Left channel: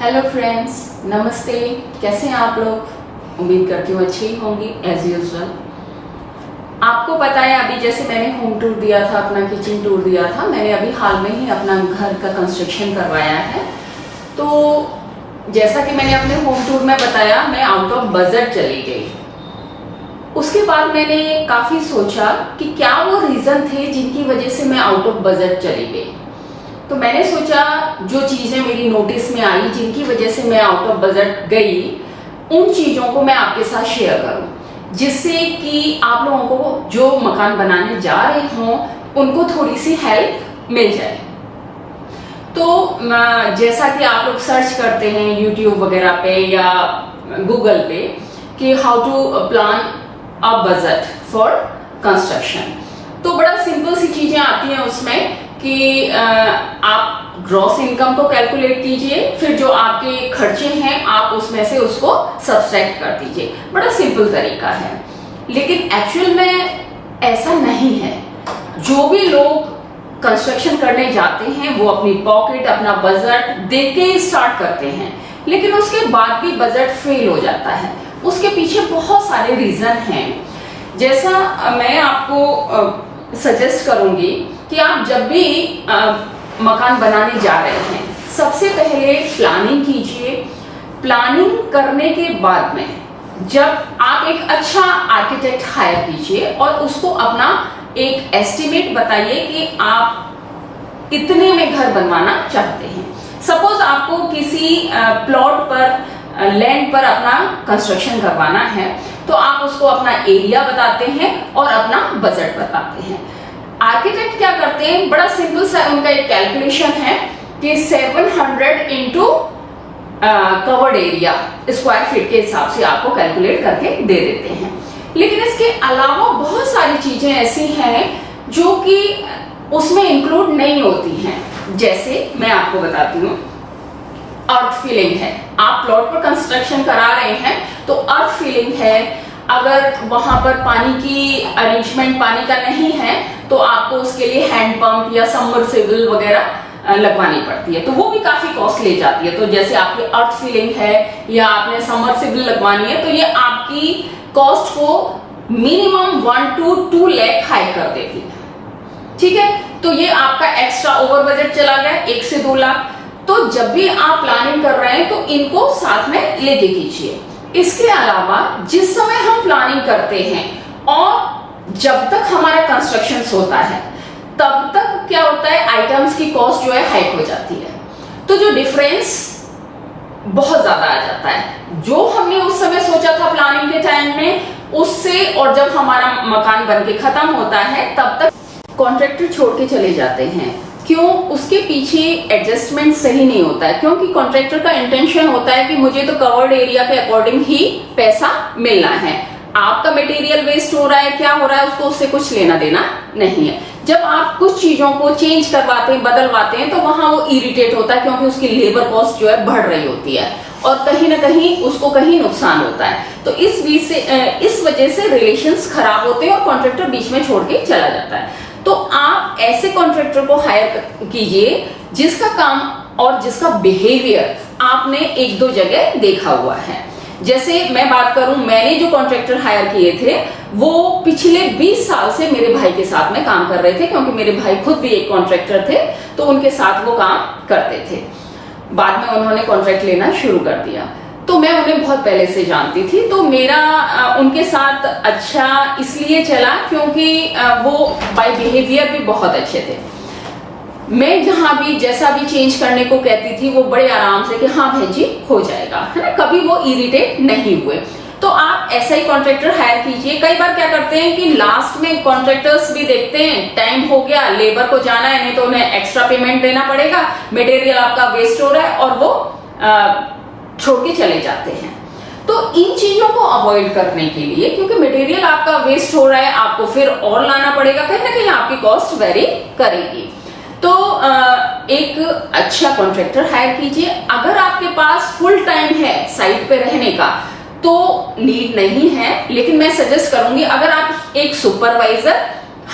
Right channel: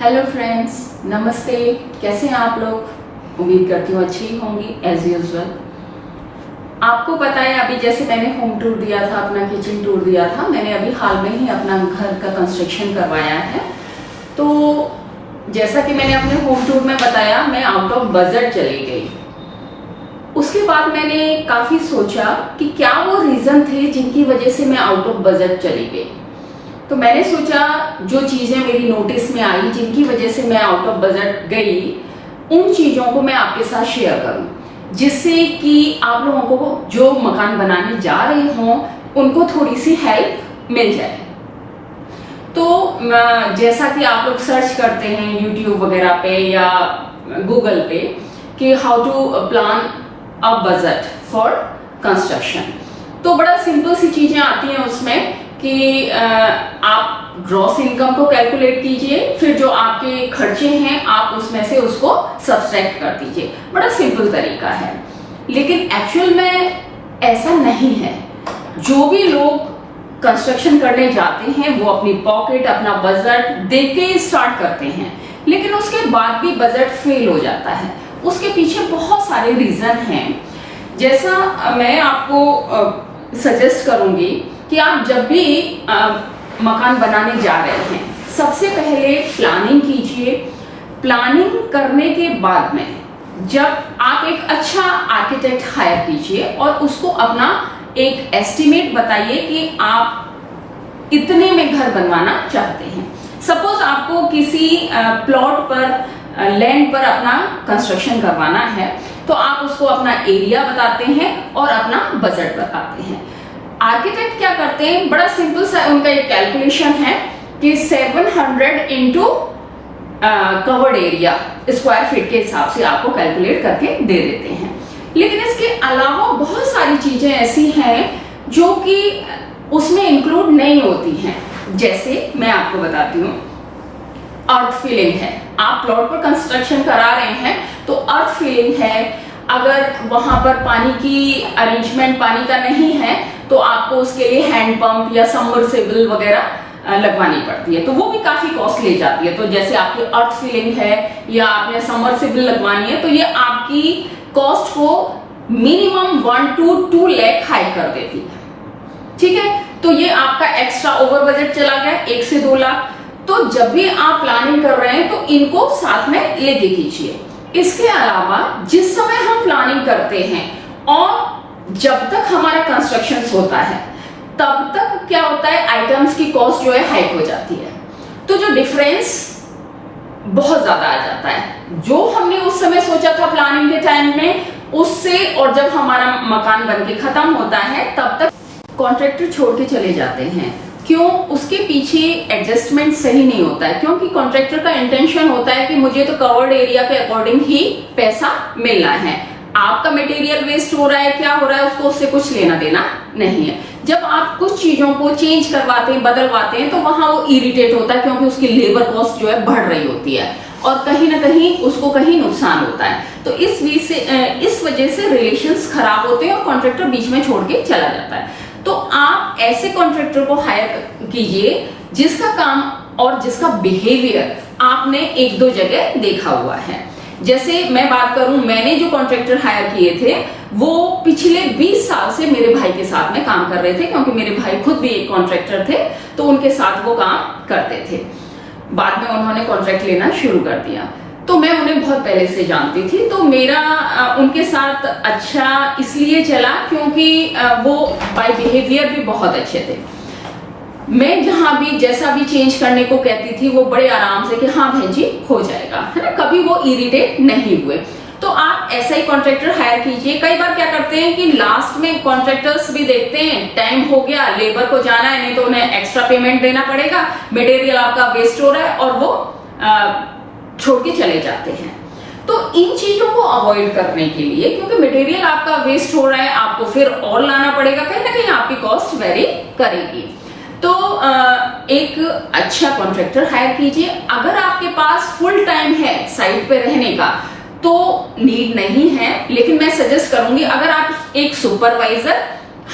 Hello friends, नमस्ते। कैसे हैं आप लोग? उम्मीद करती हूँ अच्छी ही होंगी एज यूजुअल। आपको पता है अभी जैसे मैंने होम टूर दिया था, अपना किचन टूर दिया था, मैंने अभी हाल में ही अपना घर का कंस्ट्रक्शन करवाया है। तो जैसा कि मैंने अपने होम टूर में बताया, मैं आउट ऑफ बजट चली गई। उसके बाद मैंने काफी सोचा कि क्या वो रीजन थे जिनकी वजह से मैं आउट ऑफ बजट चली गई। तो मैंने सोचा जो चीजें मेरी नोटिस में आई जिनकी वजह से मैं आउट ऑफ बजट गई, उन चीजों को मैं आपके साथ शेयर करूं, जिससे कि आप लोगों को जो मकान बनाने जा रहे हों उनको थोड़ी सी हेल्प मिल जाए। तो जैसा कि आप लोग सर्च करते हैं यूट्यूब वगैरह पे या गूगल पे कि how to plan a budget for construction, तो बड़ा सिंपल सी चीजें आती हैं उसमें कि आप ग्रॉस इनकम को कैलकुलेट कीजिए, फिर जो आपके खर्चे हैं आप उसमें से उसको सब्सट्रैक्ट कर दीजिए। बड़ा सिंपल तरीका है, लेकिन एक्चुअल में ऐसा नहीं है। जो भी लोग कंस्ट्रक्शन करने जाते हैं वो अपनी पॉकेट, अपना बजट देख के ही स्टार्ट करते हैं, लेकिन उसके बाद भी बजट फेल हो जाता है। उसके पीछे बहुत सारे रीजन हैं। जैसा मैं आपको सजेस्ट करूंगी कि आप जब भी मकान बनाने जा रहे हैं, सबसे पहले प्लानिंग कीजिए। प्लानिंग करने के बाद में जब आप एक अच्छा आर्किटेक्ट हायर कीजिए और उसको अपना एक एस्टिमेट बताइए कि आप इतने में घर बनवाना चाहते हैं। सपोज आपको किसी प्लॉट पर, लैंड पर अपना कंस्ट्रक्शन करवाना है, तो आप उसको अपना एरिया बताते हैं और अपना बजट बताते हैं। आर्किटेक्ट क्या करते हैं, बड़ा सिंपल सा उनका एक कैलकुलेशन है कि 700 into covered area square feet के हिसाब से आपको कैलकुलेट करके दे देते हैं। लेकिन इसके अलावा बहुत सारी चीजें ऐसी हैं जो कि उसमें इंक्लूड नहीं होती हैं। जैसे मैं आपको बताती हूँ, अर्थ फिलिंग है। आप प्लॉट पर कंस्ट्रक्शन करा रहे हैं तो अर्थ फिलिंग है। अगर वहां पर पानी की अरेंजमेंट पानी का नहीं है तो आपको उसके लिए हैंड पंप या सबमर्सिबल वगैरह लगवानी पड़ती है, तो वो भी काफी कॉस्ट ले जाती है। तो जैसे आपकी अर्थ फिलिंग है या आपने सबमर्सिबल लगवानी है, तो ये आपकी कॉस्ट को मिनिमम 1 to 2 लाख हाई कर देती है। ठीक है, तो ये आपका एक्स्ट्रा ओवर बजट चला गया 1 से 2 लाख। तो जब भी आप प्लानिंग कर रहे हैं तो इनको साथ में लेके कीजिए। इसके अलावा जिस समय हम प्लानिंग करते हैं और जब तक हमारा कंस्ट्रक्शन होता है, तब तक क्या होता है, आइटम्स की कॉस्ट जो है हाइक हो जाती है। तो जो डिफरेंस बहुत ज्यादा आ जाता है जो हमने उस समय सोचा था प्लानिंग के टाइम में, उससे और जब हमारा मकान बनके खत्म होता है तब तक कॉन्ट्रैक्टर छोड़ के चले जाते हैं। क्यों? उसके पीछे एडजस्टमेंट सही नहीं होता है, क्योंकि कॉन्ट्रैक्टर का इंटेंशन होता है कि मुझे तो कवर्ड एरिया के अकॉर्डिंग ही पैसा मिलना है। आपका मटेरियल वेस्ट हो रहा है, क्या हो रहा है, उसको उससे कुछ लेना देना नहीं है। जब आप कुछ चीजों को चेंज करवाते हैं, बदलवाते हैं, तो वहां वो इरिटेट होता है, क्योंकि उसकी लेबर कॉस्ट जो है बढ़ रही होती है और कहीं ना कहीं उसको कहीं नुकसान होता है। तो इस वजह से रिलेशंस खराब होते हैं और कॉन्ट्रैक्टर बीच में छोड़ के चला जाता है। तो आप ऐसे कॉन्ट्रैक्टर को हायर कीजिए जिसका काम और जिसका बिहेवियर आपने 1-2 जगह देखा हुआ है। जैसे मैं बात करूं, मैंने जो कॉन्ट्रैक्टर हायर किए थे वो पिछले 20 साल से मेरे भाई के साथ में काम कर रहे थे, क्योंकि मेरे भाई खुद भी एक कॉन्ट्रैक्टर थे, तो उनके साथ वो काम करते थे। बाद में उन्होंने कॉन्ट्रैक्ट लेना शुरू कर दिया, तो मैं उन्हें बहुत पहले से जानती थी। तो मेरा उनके साथ अच्छा इसलिए चला क्योंकि वो बाय बिहेवियर भी बहुत अच्छे थे। मैं जहां भी जैसा भी चेंज करने को कहती थी वो बड़े आराम से कि हाँ बहन जी हो जाएगा, है ना, कभी वो इरिटेट नहीं हुए। तो आप ऐसा ही कॉन्ट्रैक्टर हायर कीजिए। कई बार क्या करते हैं कि लास्ट में कॉन्ट्रैक्टर्स भी देखते हैं टाइम हो गया, लेबर को जाना है, नहीं तो उन्हें एक्स्ट्रा पेमेंट देना पड़ेगा, मटेरियल आपका वेस्ट हो रहा है, और वो छोड़ के चले जाते हैं। तो इन चीजों को अवॉइड करने के लिए, क्योंकि मटेरियल आपका वेस्ट हो रहा है, आपको फिर और लाना पड़ेगा, कहीं ना कहीं आपकी कॉस्ट वेरी करेगी। तो एक अच्छा कॉन्ट्रैक्टर हायर कीजिए। अगर आपके पास फुल टाइम है साइट पे रहने का तो नीड नहीं है, लेकिन मैं सजेस्ट करूंगी अगर आप एक सुपरवाइजर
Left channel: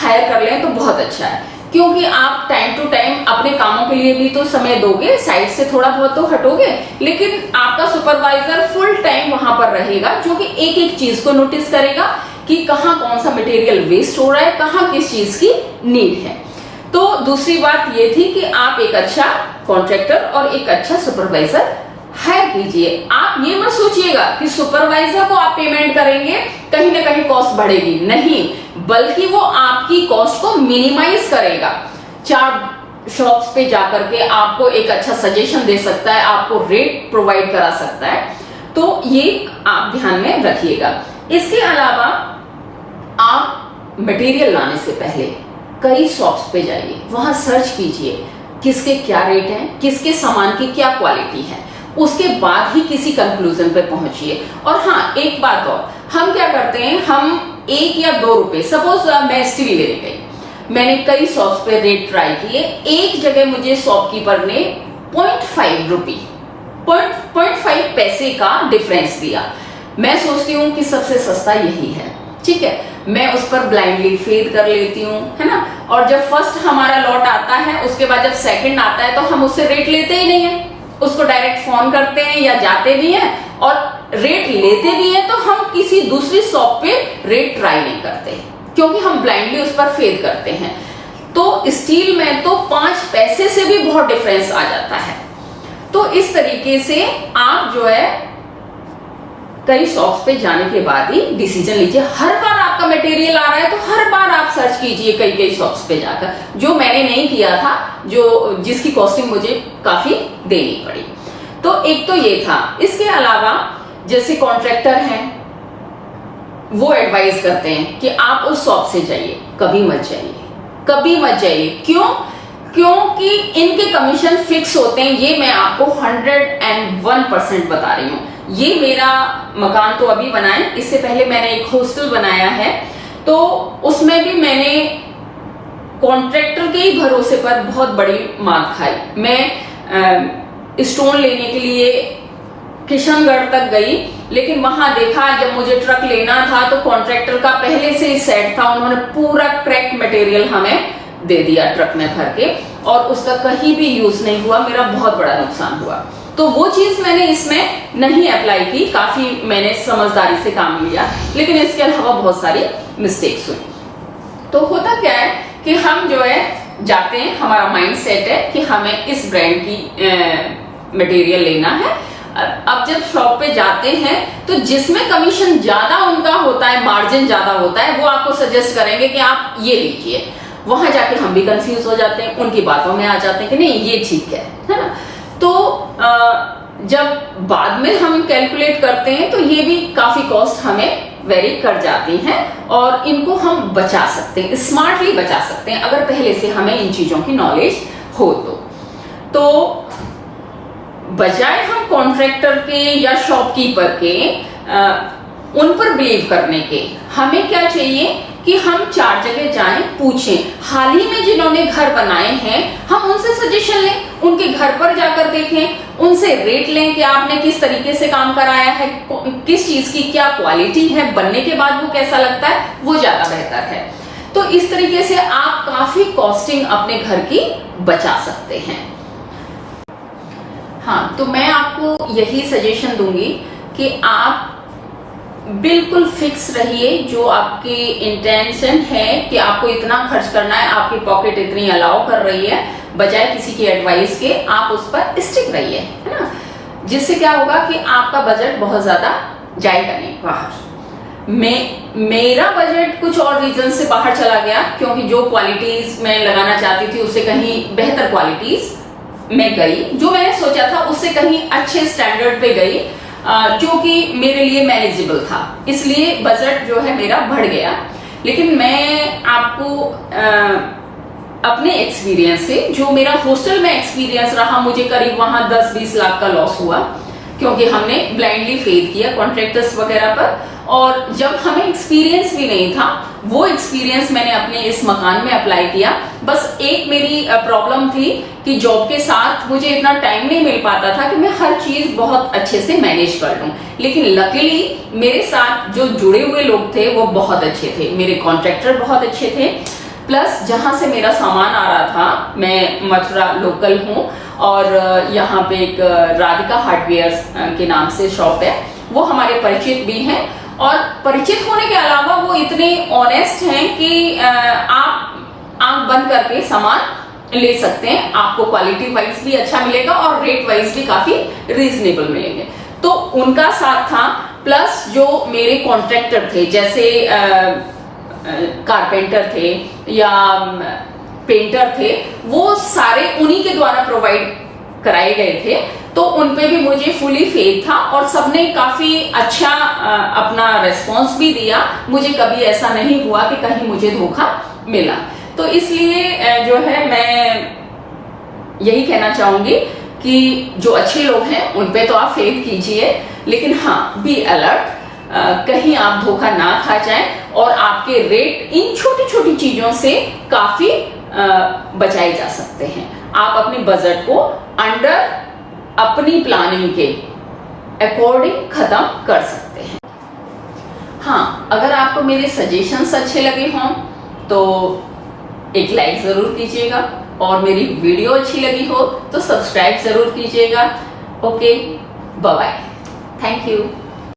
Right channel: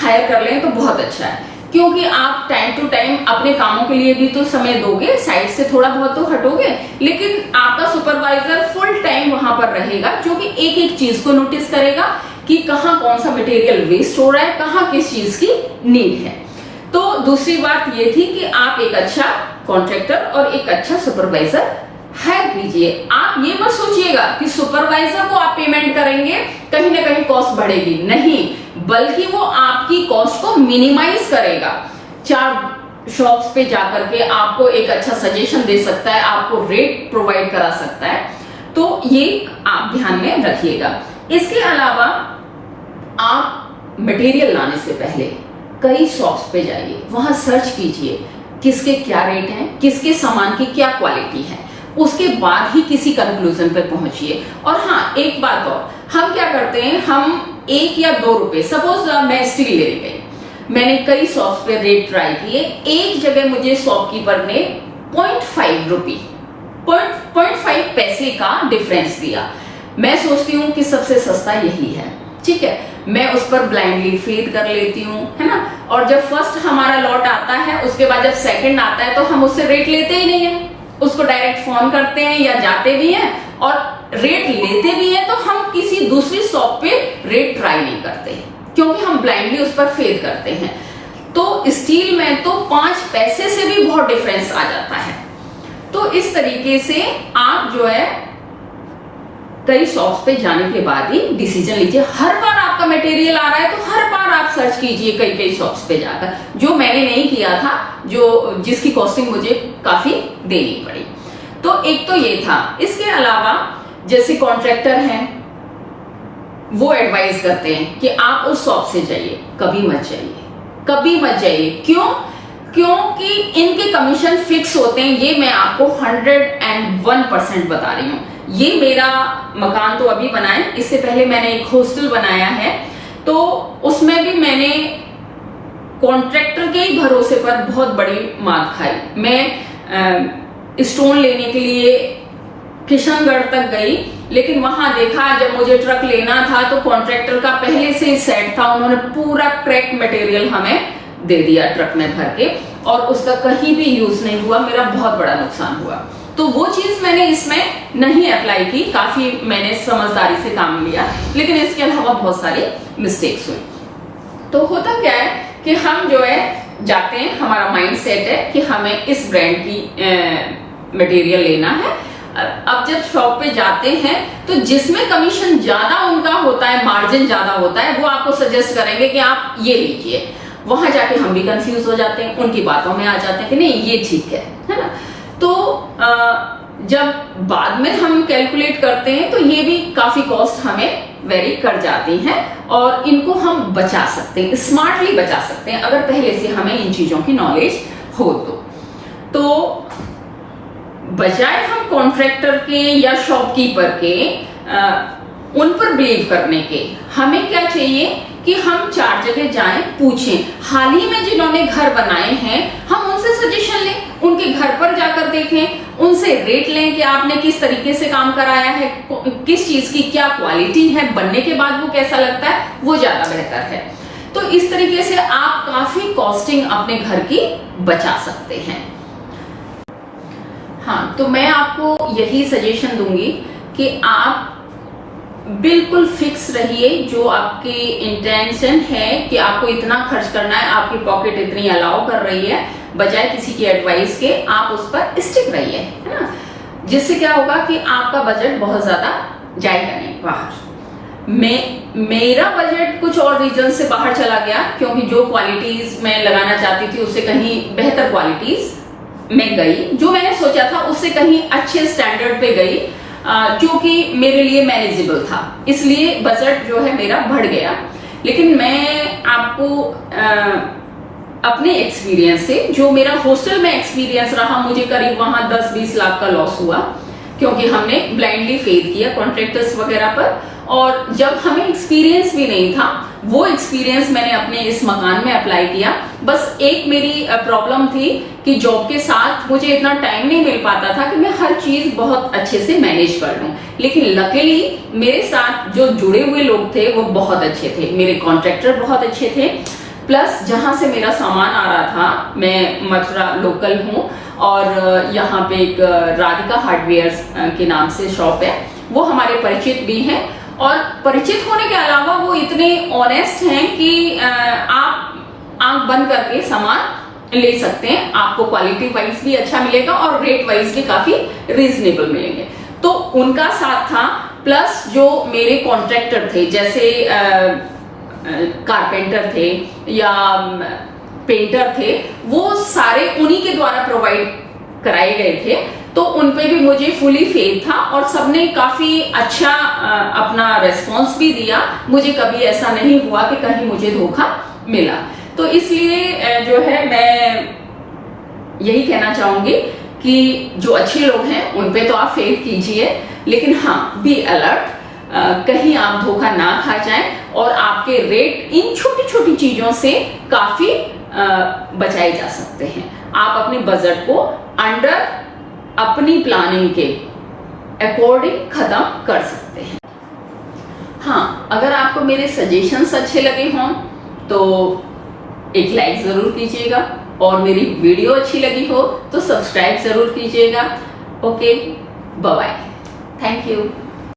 हायर कर लें तो बहुत अच्छा है, क्योंकि आप टाइम टू टाइम अपने कामों के लिए भी तो समय दोगे, साइड से थोड़ा बहुत तो हटोगे, लेकिन आपका सुपरवाइजर फुल टाइम वहां पर रहेगा, जो कि एक एक चीज को नोटिस करेगा कि कहाँ कौन सा मटेरियल वेस्ट हो रहा है, कहाँ किस चीज की नीड है। तो दूसरी बात ये थी कि आप एक अच्छा कॉन्ट्रैक्टर और एक अच्छा सुपरवाइजर हायर कीजिए। आप ये मत सोचिएगा कि सुपरवाइजर को आप पेमेंट करेंगे कहीं ना कहीं कॉस्ट बढ़ेगी, नहीं, बल्कि वो आपकी कॉस्ट को मिनिमाइज करेगा। 4 शॉप्स पे जाकर के आपको एक अच्छा सजेशन दे सकता है, आपको रेट प्रोवाइड करा सकता है। तो ये आप ध्यान में रखिएगा। इसके अलावा आप मटेरियल लाने से पहले कई शॉप्स पे जाइए, वहां सर्च कीजिए किसके क्या रेट है, किसके सामान की क्या क्वालिटी है, उसके बाद ही किसी कंक्लूजन पे पहुंचिए। और हाँ, एक बात और, हम क्या करते हैं, हम 1 या 2 रुपए, सपोज मैं स्टील लेने गई, मैंने कई शॉप्स पे रेट ट्राई किए, एक जगह मुझे शॉपकीपर ने 0.5 पैसे का डिफरेंस दिया। मैं सोचती हूँ कि सबसे सस्ता यही है, ठीक है, मैं उस पर ब्लाइंडली फेड कर लेती हूँ, है ना। और जब फर्स्ट हमारा लॉट आता है, उसके बाद जब सेकंड आता है, तो हम उससे रेट लेते ही नहीं है, उसको डायरेक्ट फोन करते हैं या जाते भी हैं, और रेट लेते भी हैं तो हम किसी दूसरी शॉप पे रेट ट्राई नहीं करते, क्योंकि हम ब्लाइंडली उस पर फेड करते हैं। तो स्टील में तो 5 पैसे से भी बहुत डिफरेंस आ जाता है। तो इस तरीके से आप जो है कई शॉप्स पे जाने के बाद ही डिसीजन लीजिए। हर बार आपका मटेरियल आ रहा है तो हर बार आप सर्च कीजिए कई शॉप्स पे जाकर, जो मैंने नहीं किया था, जिसकी कॉस्टिंग मुझे काफी देनी पड़ी। तो एक तो ये था। इसके अलावा जैसे कॉन्ट्रैक्टर हैं, वो एडवाइस करते हैं कि आप उस शॉप से जाइए, कभी मत जाइए। क्योंकि इनके कमीशन फिक्स होते हैं। ये मैं आपको 101% बता रही हूँ। ये मेरा मकान तो अभी बना है, इससे पहले मैंने एक हॉस्टल बनाया है, तो उसमें भी मैंने कॉन्ट्रैक्टर के ही भरोसे पर बहुत बड़ी मार खाई। मैं स्टोन लेने के लिए किशनगढ़ तक गई, लेकिन वहां देखा, जब मुझे ट्रक लेना था तो कॉन्ट्रैक्टर का पहले से ही सेट था, उन्होंने पूरा क्रैक मटेरियल हमें दे दिया ट्रक में भर के, और उसका कहीं भी यूज नहीं हुआ, मेरा बहुत बड़ा नुकसान हुआ। तो वो चीज मैंने इसमें नहीं अप्लाई की, काफी मैंने समझदारी से काम लिया, लेकिन इसके अलावा बहुत सारी मिस्टेक्स हुई। तो होता क्या है कि हम जो है जाते हैं, हमारा माइंड सेट है कि हमें इस ब्रांड की मटेरियल लेना है। अब जब शॉप पे जाते हैं तो जिसमें कमीशन ज्यादा उनका होता है, मार्जिन ज्यादा होता है, वो आपको सजेस्ट करेंगे कि आप ये लीजिए। वहां जाके हम भी कंफ्यूज हो जाते हैं, उनकी बातों में आ जाते हैं कि नहीं ये ठीक है ना। तो जब बाद में हम कैलकुलेट करते हैं तो ये भी काफी कॉस्ट हमें वेरी कर जाती हैं, और इनको हम बचा सकते हैं, स्मार्टली बचा सकते हैं, अगर पहले से हमें इन चीजों की नॉलेज हो तो बजाय हम कॉन्ट्रैक्टर के या शॉपकीपर के उन पर बिलीव करने के, हमें क्या चाहिए कि हम 4 जगह जाएं, पूछें। हाल ही में जिन्होंने घर बनाए हैं, हम उनसे सजेशन लें, उनके घर पर जाकर देखें, उनसे रेट लें कि आपने किस तरीके से काम कराया है, किस चीज की क्या क्वालिटी है, बनने के बाद वो कैसा लगता है, वो ज्यादा बेहतर है। तो इस तरीके से आप काफी कॉस्टिंग अपने घर की बचा सकते हैं। हाँ, तो मैं आपको यही सजेशन दूंगी कि आप बिल्कुल फिक्स रहिए, जो आपकी इंटेंशन है कि आपको इतना खर्च करना है, आपकी पॉकेट इतनी अलाउ कर रही है, बजाय किसी की एडवाइस के आप उस पर स्टिक रहिए, है ना। जिससे क्या होगा कि आपका बजट बहुत ज्यादा जाएगा नहीं बाहर। मेरा बजट कुछ और रीजन से बाहर चला गया, क्योंकि जो क्वालिटीज मैं लगाना चाहती थी उससे कहीं बेहतर क्वालिटीज में गई, जो मैंने सोचा था उससे कहीं अच्छे स्टैंडर्ड पे गई, जो कि मेरे लिए मैनेजेबल था, इसलिए बजट जो है मेरा बढ़ गया। लेकिन मैं आपको अपने एक्सपीरियंस से, जो मेरा हॉस्टल में एक्सपीरियंस रहा, मुझे करीब वहां 10-20 लाख का लॉस हुआ, क्योंकि हमने ब्लाइंडली फेड किया कॉन्ट्रैक्टर्स वगैरह पर, और जब हमें एक्सपीरियंस भी नहीं था, वो एक्सपीरियंस मैंने अपने इस मकान में अप्लाई किया। बस एक मेरी प्रॉब्लम थी कि जॉब के साथ मुझे इतना टाइम नहीं मिल पाता था कि मैं हर चीज बहुत अच्छे से मैनेज कर लूं, लेकिन लकीली मेरे साथ जो जुड़े हुए लोग थे वो बहुत अच्छे थे, मेरे कॉन्ट्रैक्टर बहुत अच्छे थे, प्लस जहां से मेरा सामान आ रहा था, मैं मथुरा लोकल हूँ और यहाँ पे एक राधिका हार्डवेयर के नाम से शॉप है, वो हमारे परिचित भी हैं और परिचित होने के अलावा वो इतने ऑनेस्ट हैं कि आप आंख बंद करके सामान ले सकते हैं, आपको क्वालिटी वाइज भी अच्छा मिलेगा और रेट वाइज भी काफी रीजनेबल मिलेंगे। तो उनका साथ था, प्लस जो मेरे कॉन्ट्रैक्टर थे, जैसे कारपेंटर थे या पेंटर थे, वो सारे उन्हीं के द्वारा प्रोवाइड कराए गए थे। तो उन पे भी मुझे फुली फेथ था और सबने काफी अच्छा अपना रेस्पॉन्स भी दिया। मुझे कभी ऐसा नहीं हुआ कि कहीं मुझे धोखा मिला। तो इसलिए जो है मैं यही कहना चाहूंगी कि जो अच्छे लोग हैं उन पे तो आप फेथ कीजिए, लेकिन हाँ, बी अलर्ट, कहीं आप धोखा ना खा जाएं और आपके रेट इन छोटी छोटी चीजों से काफी बचाए जा सकते हैं। आप अपनी बजट को अंडर अपनी प्लानिंग के अकॉर्डिंग खत्म कर सकते हैं। हाँ, अगर आपको मेरे सजेशंस अच्छे लगे हों तो एक लाइक जरूर कीजिएगा और मेरी वीडियो अच्छी लगी हो तो सब्सक्राइब जरूर कीजिएगा। Okay, bye bye, thank you.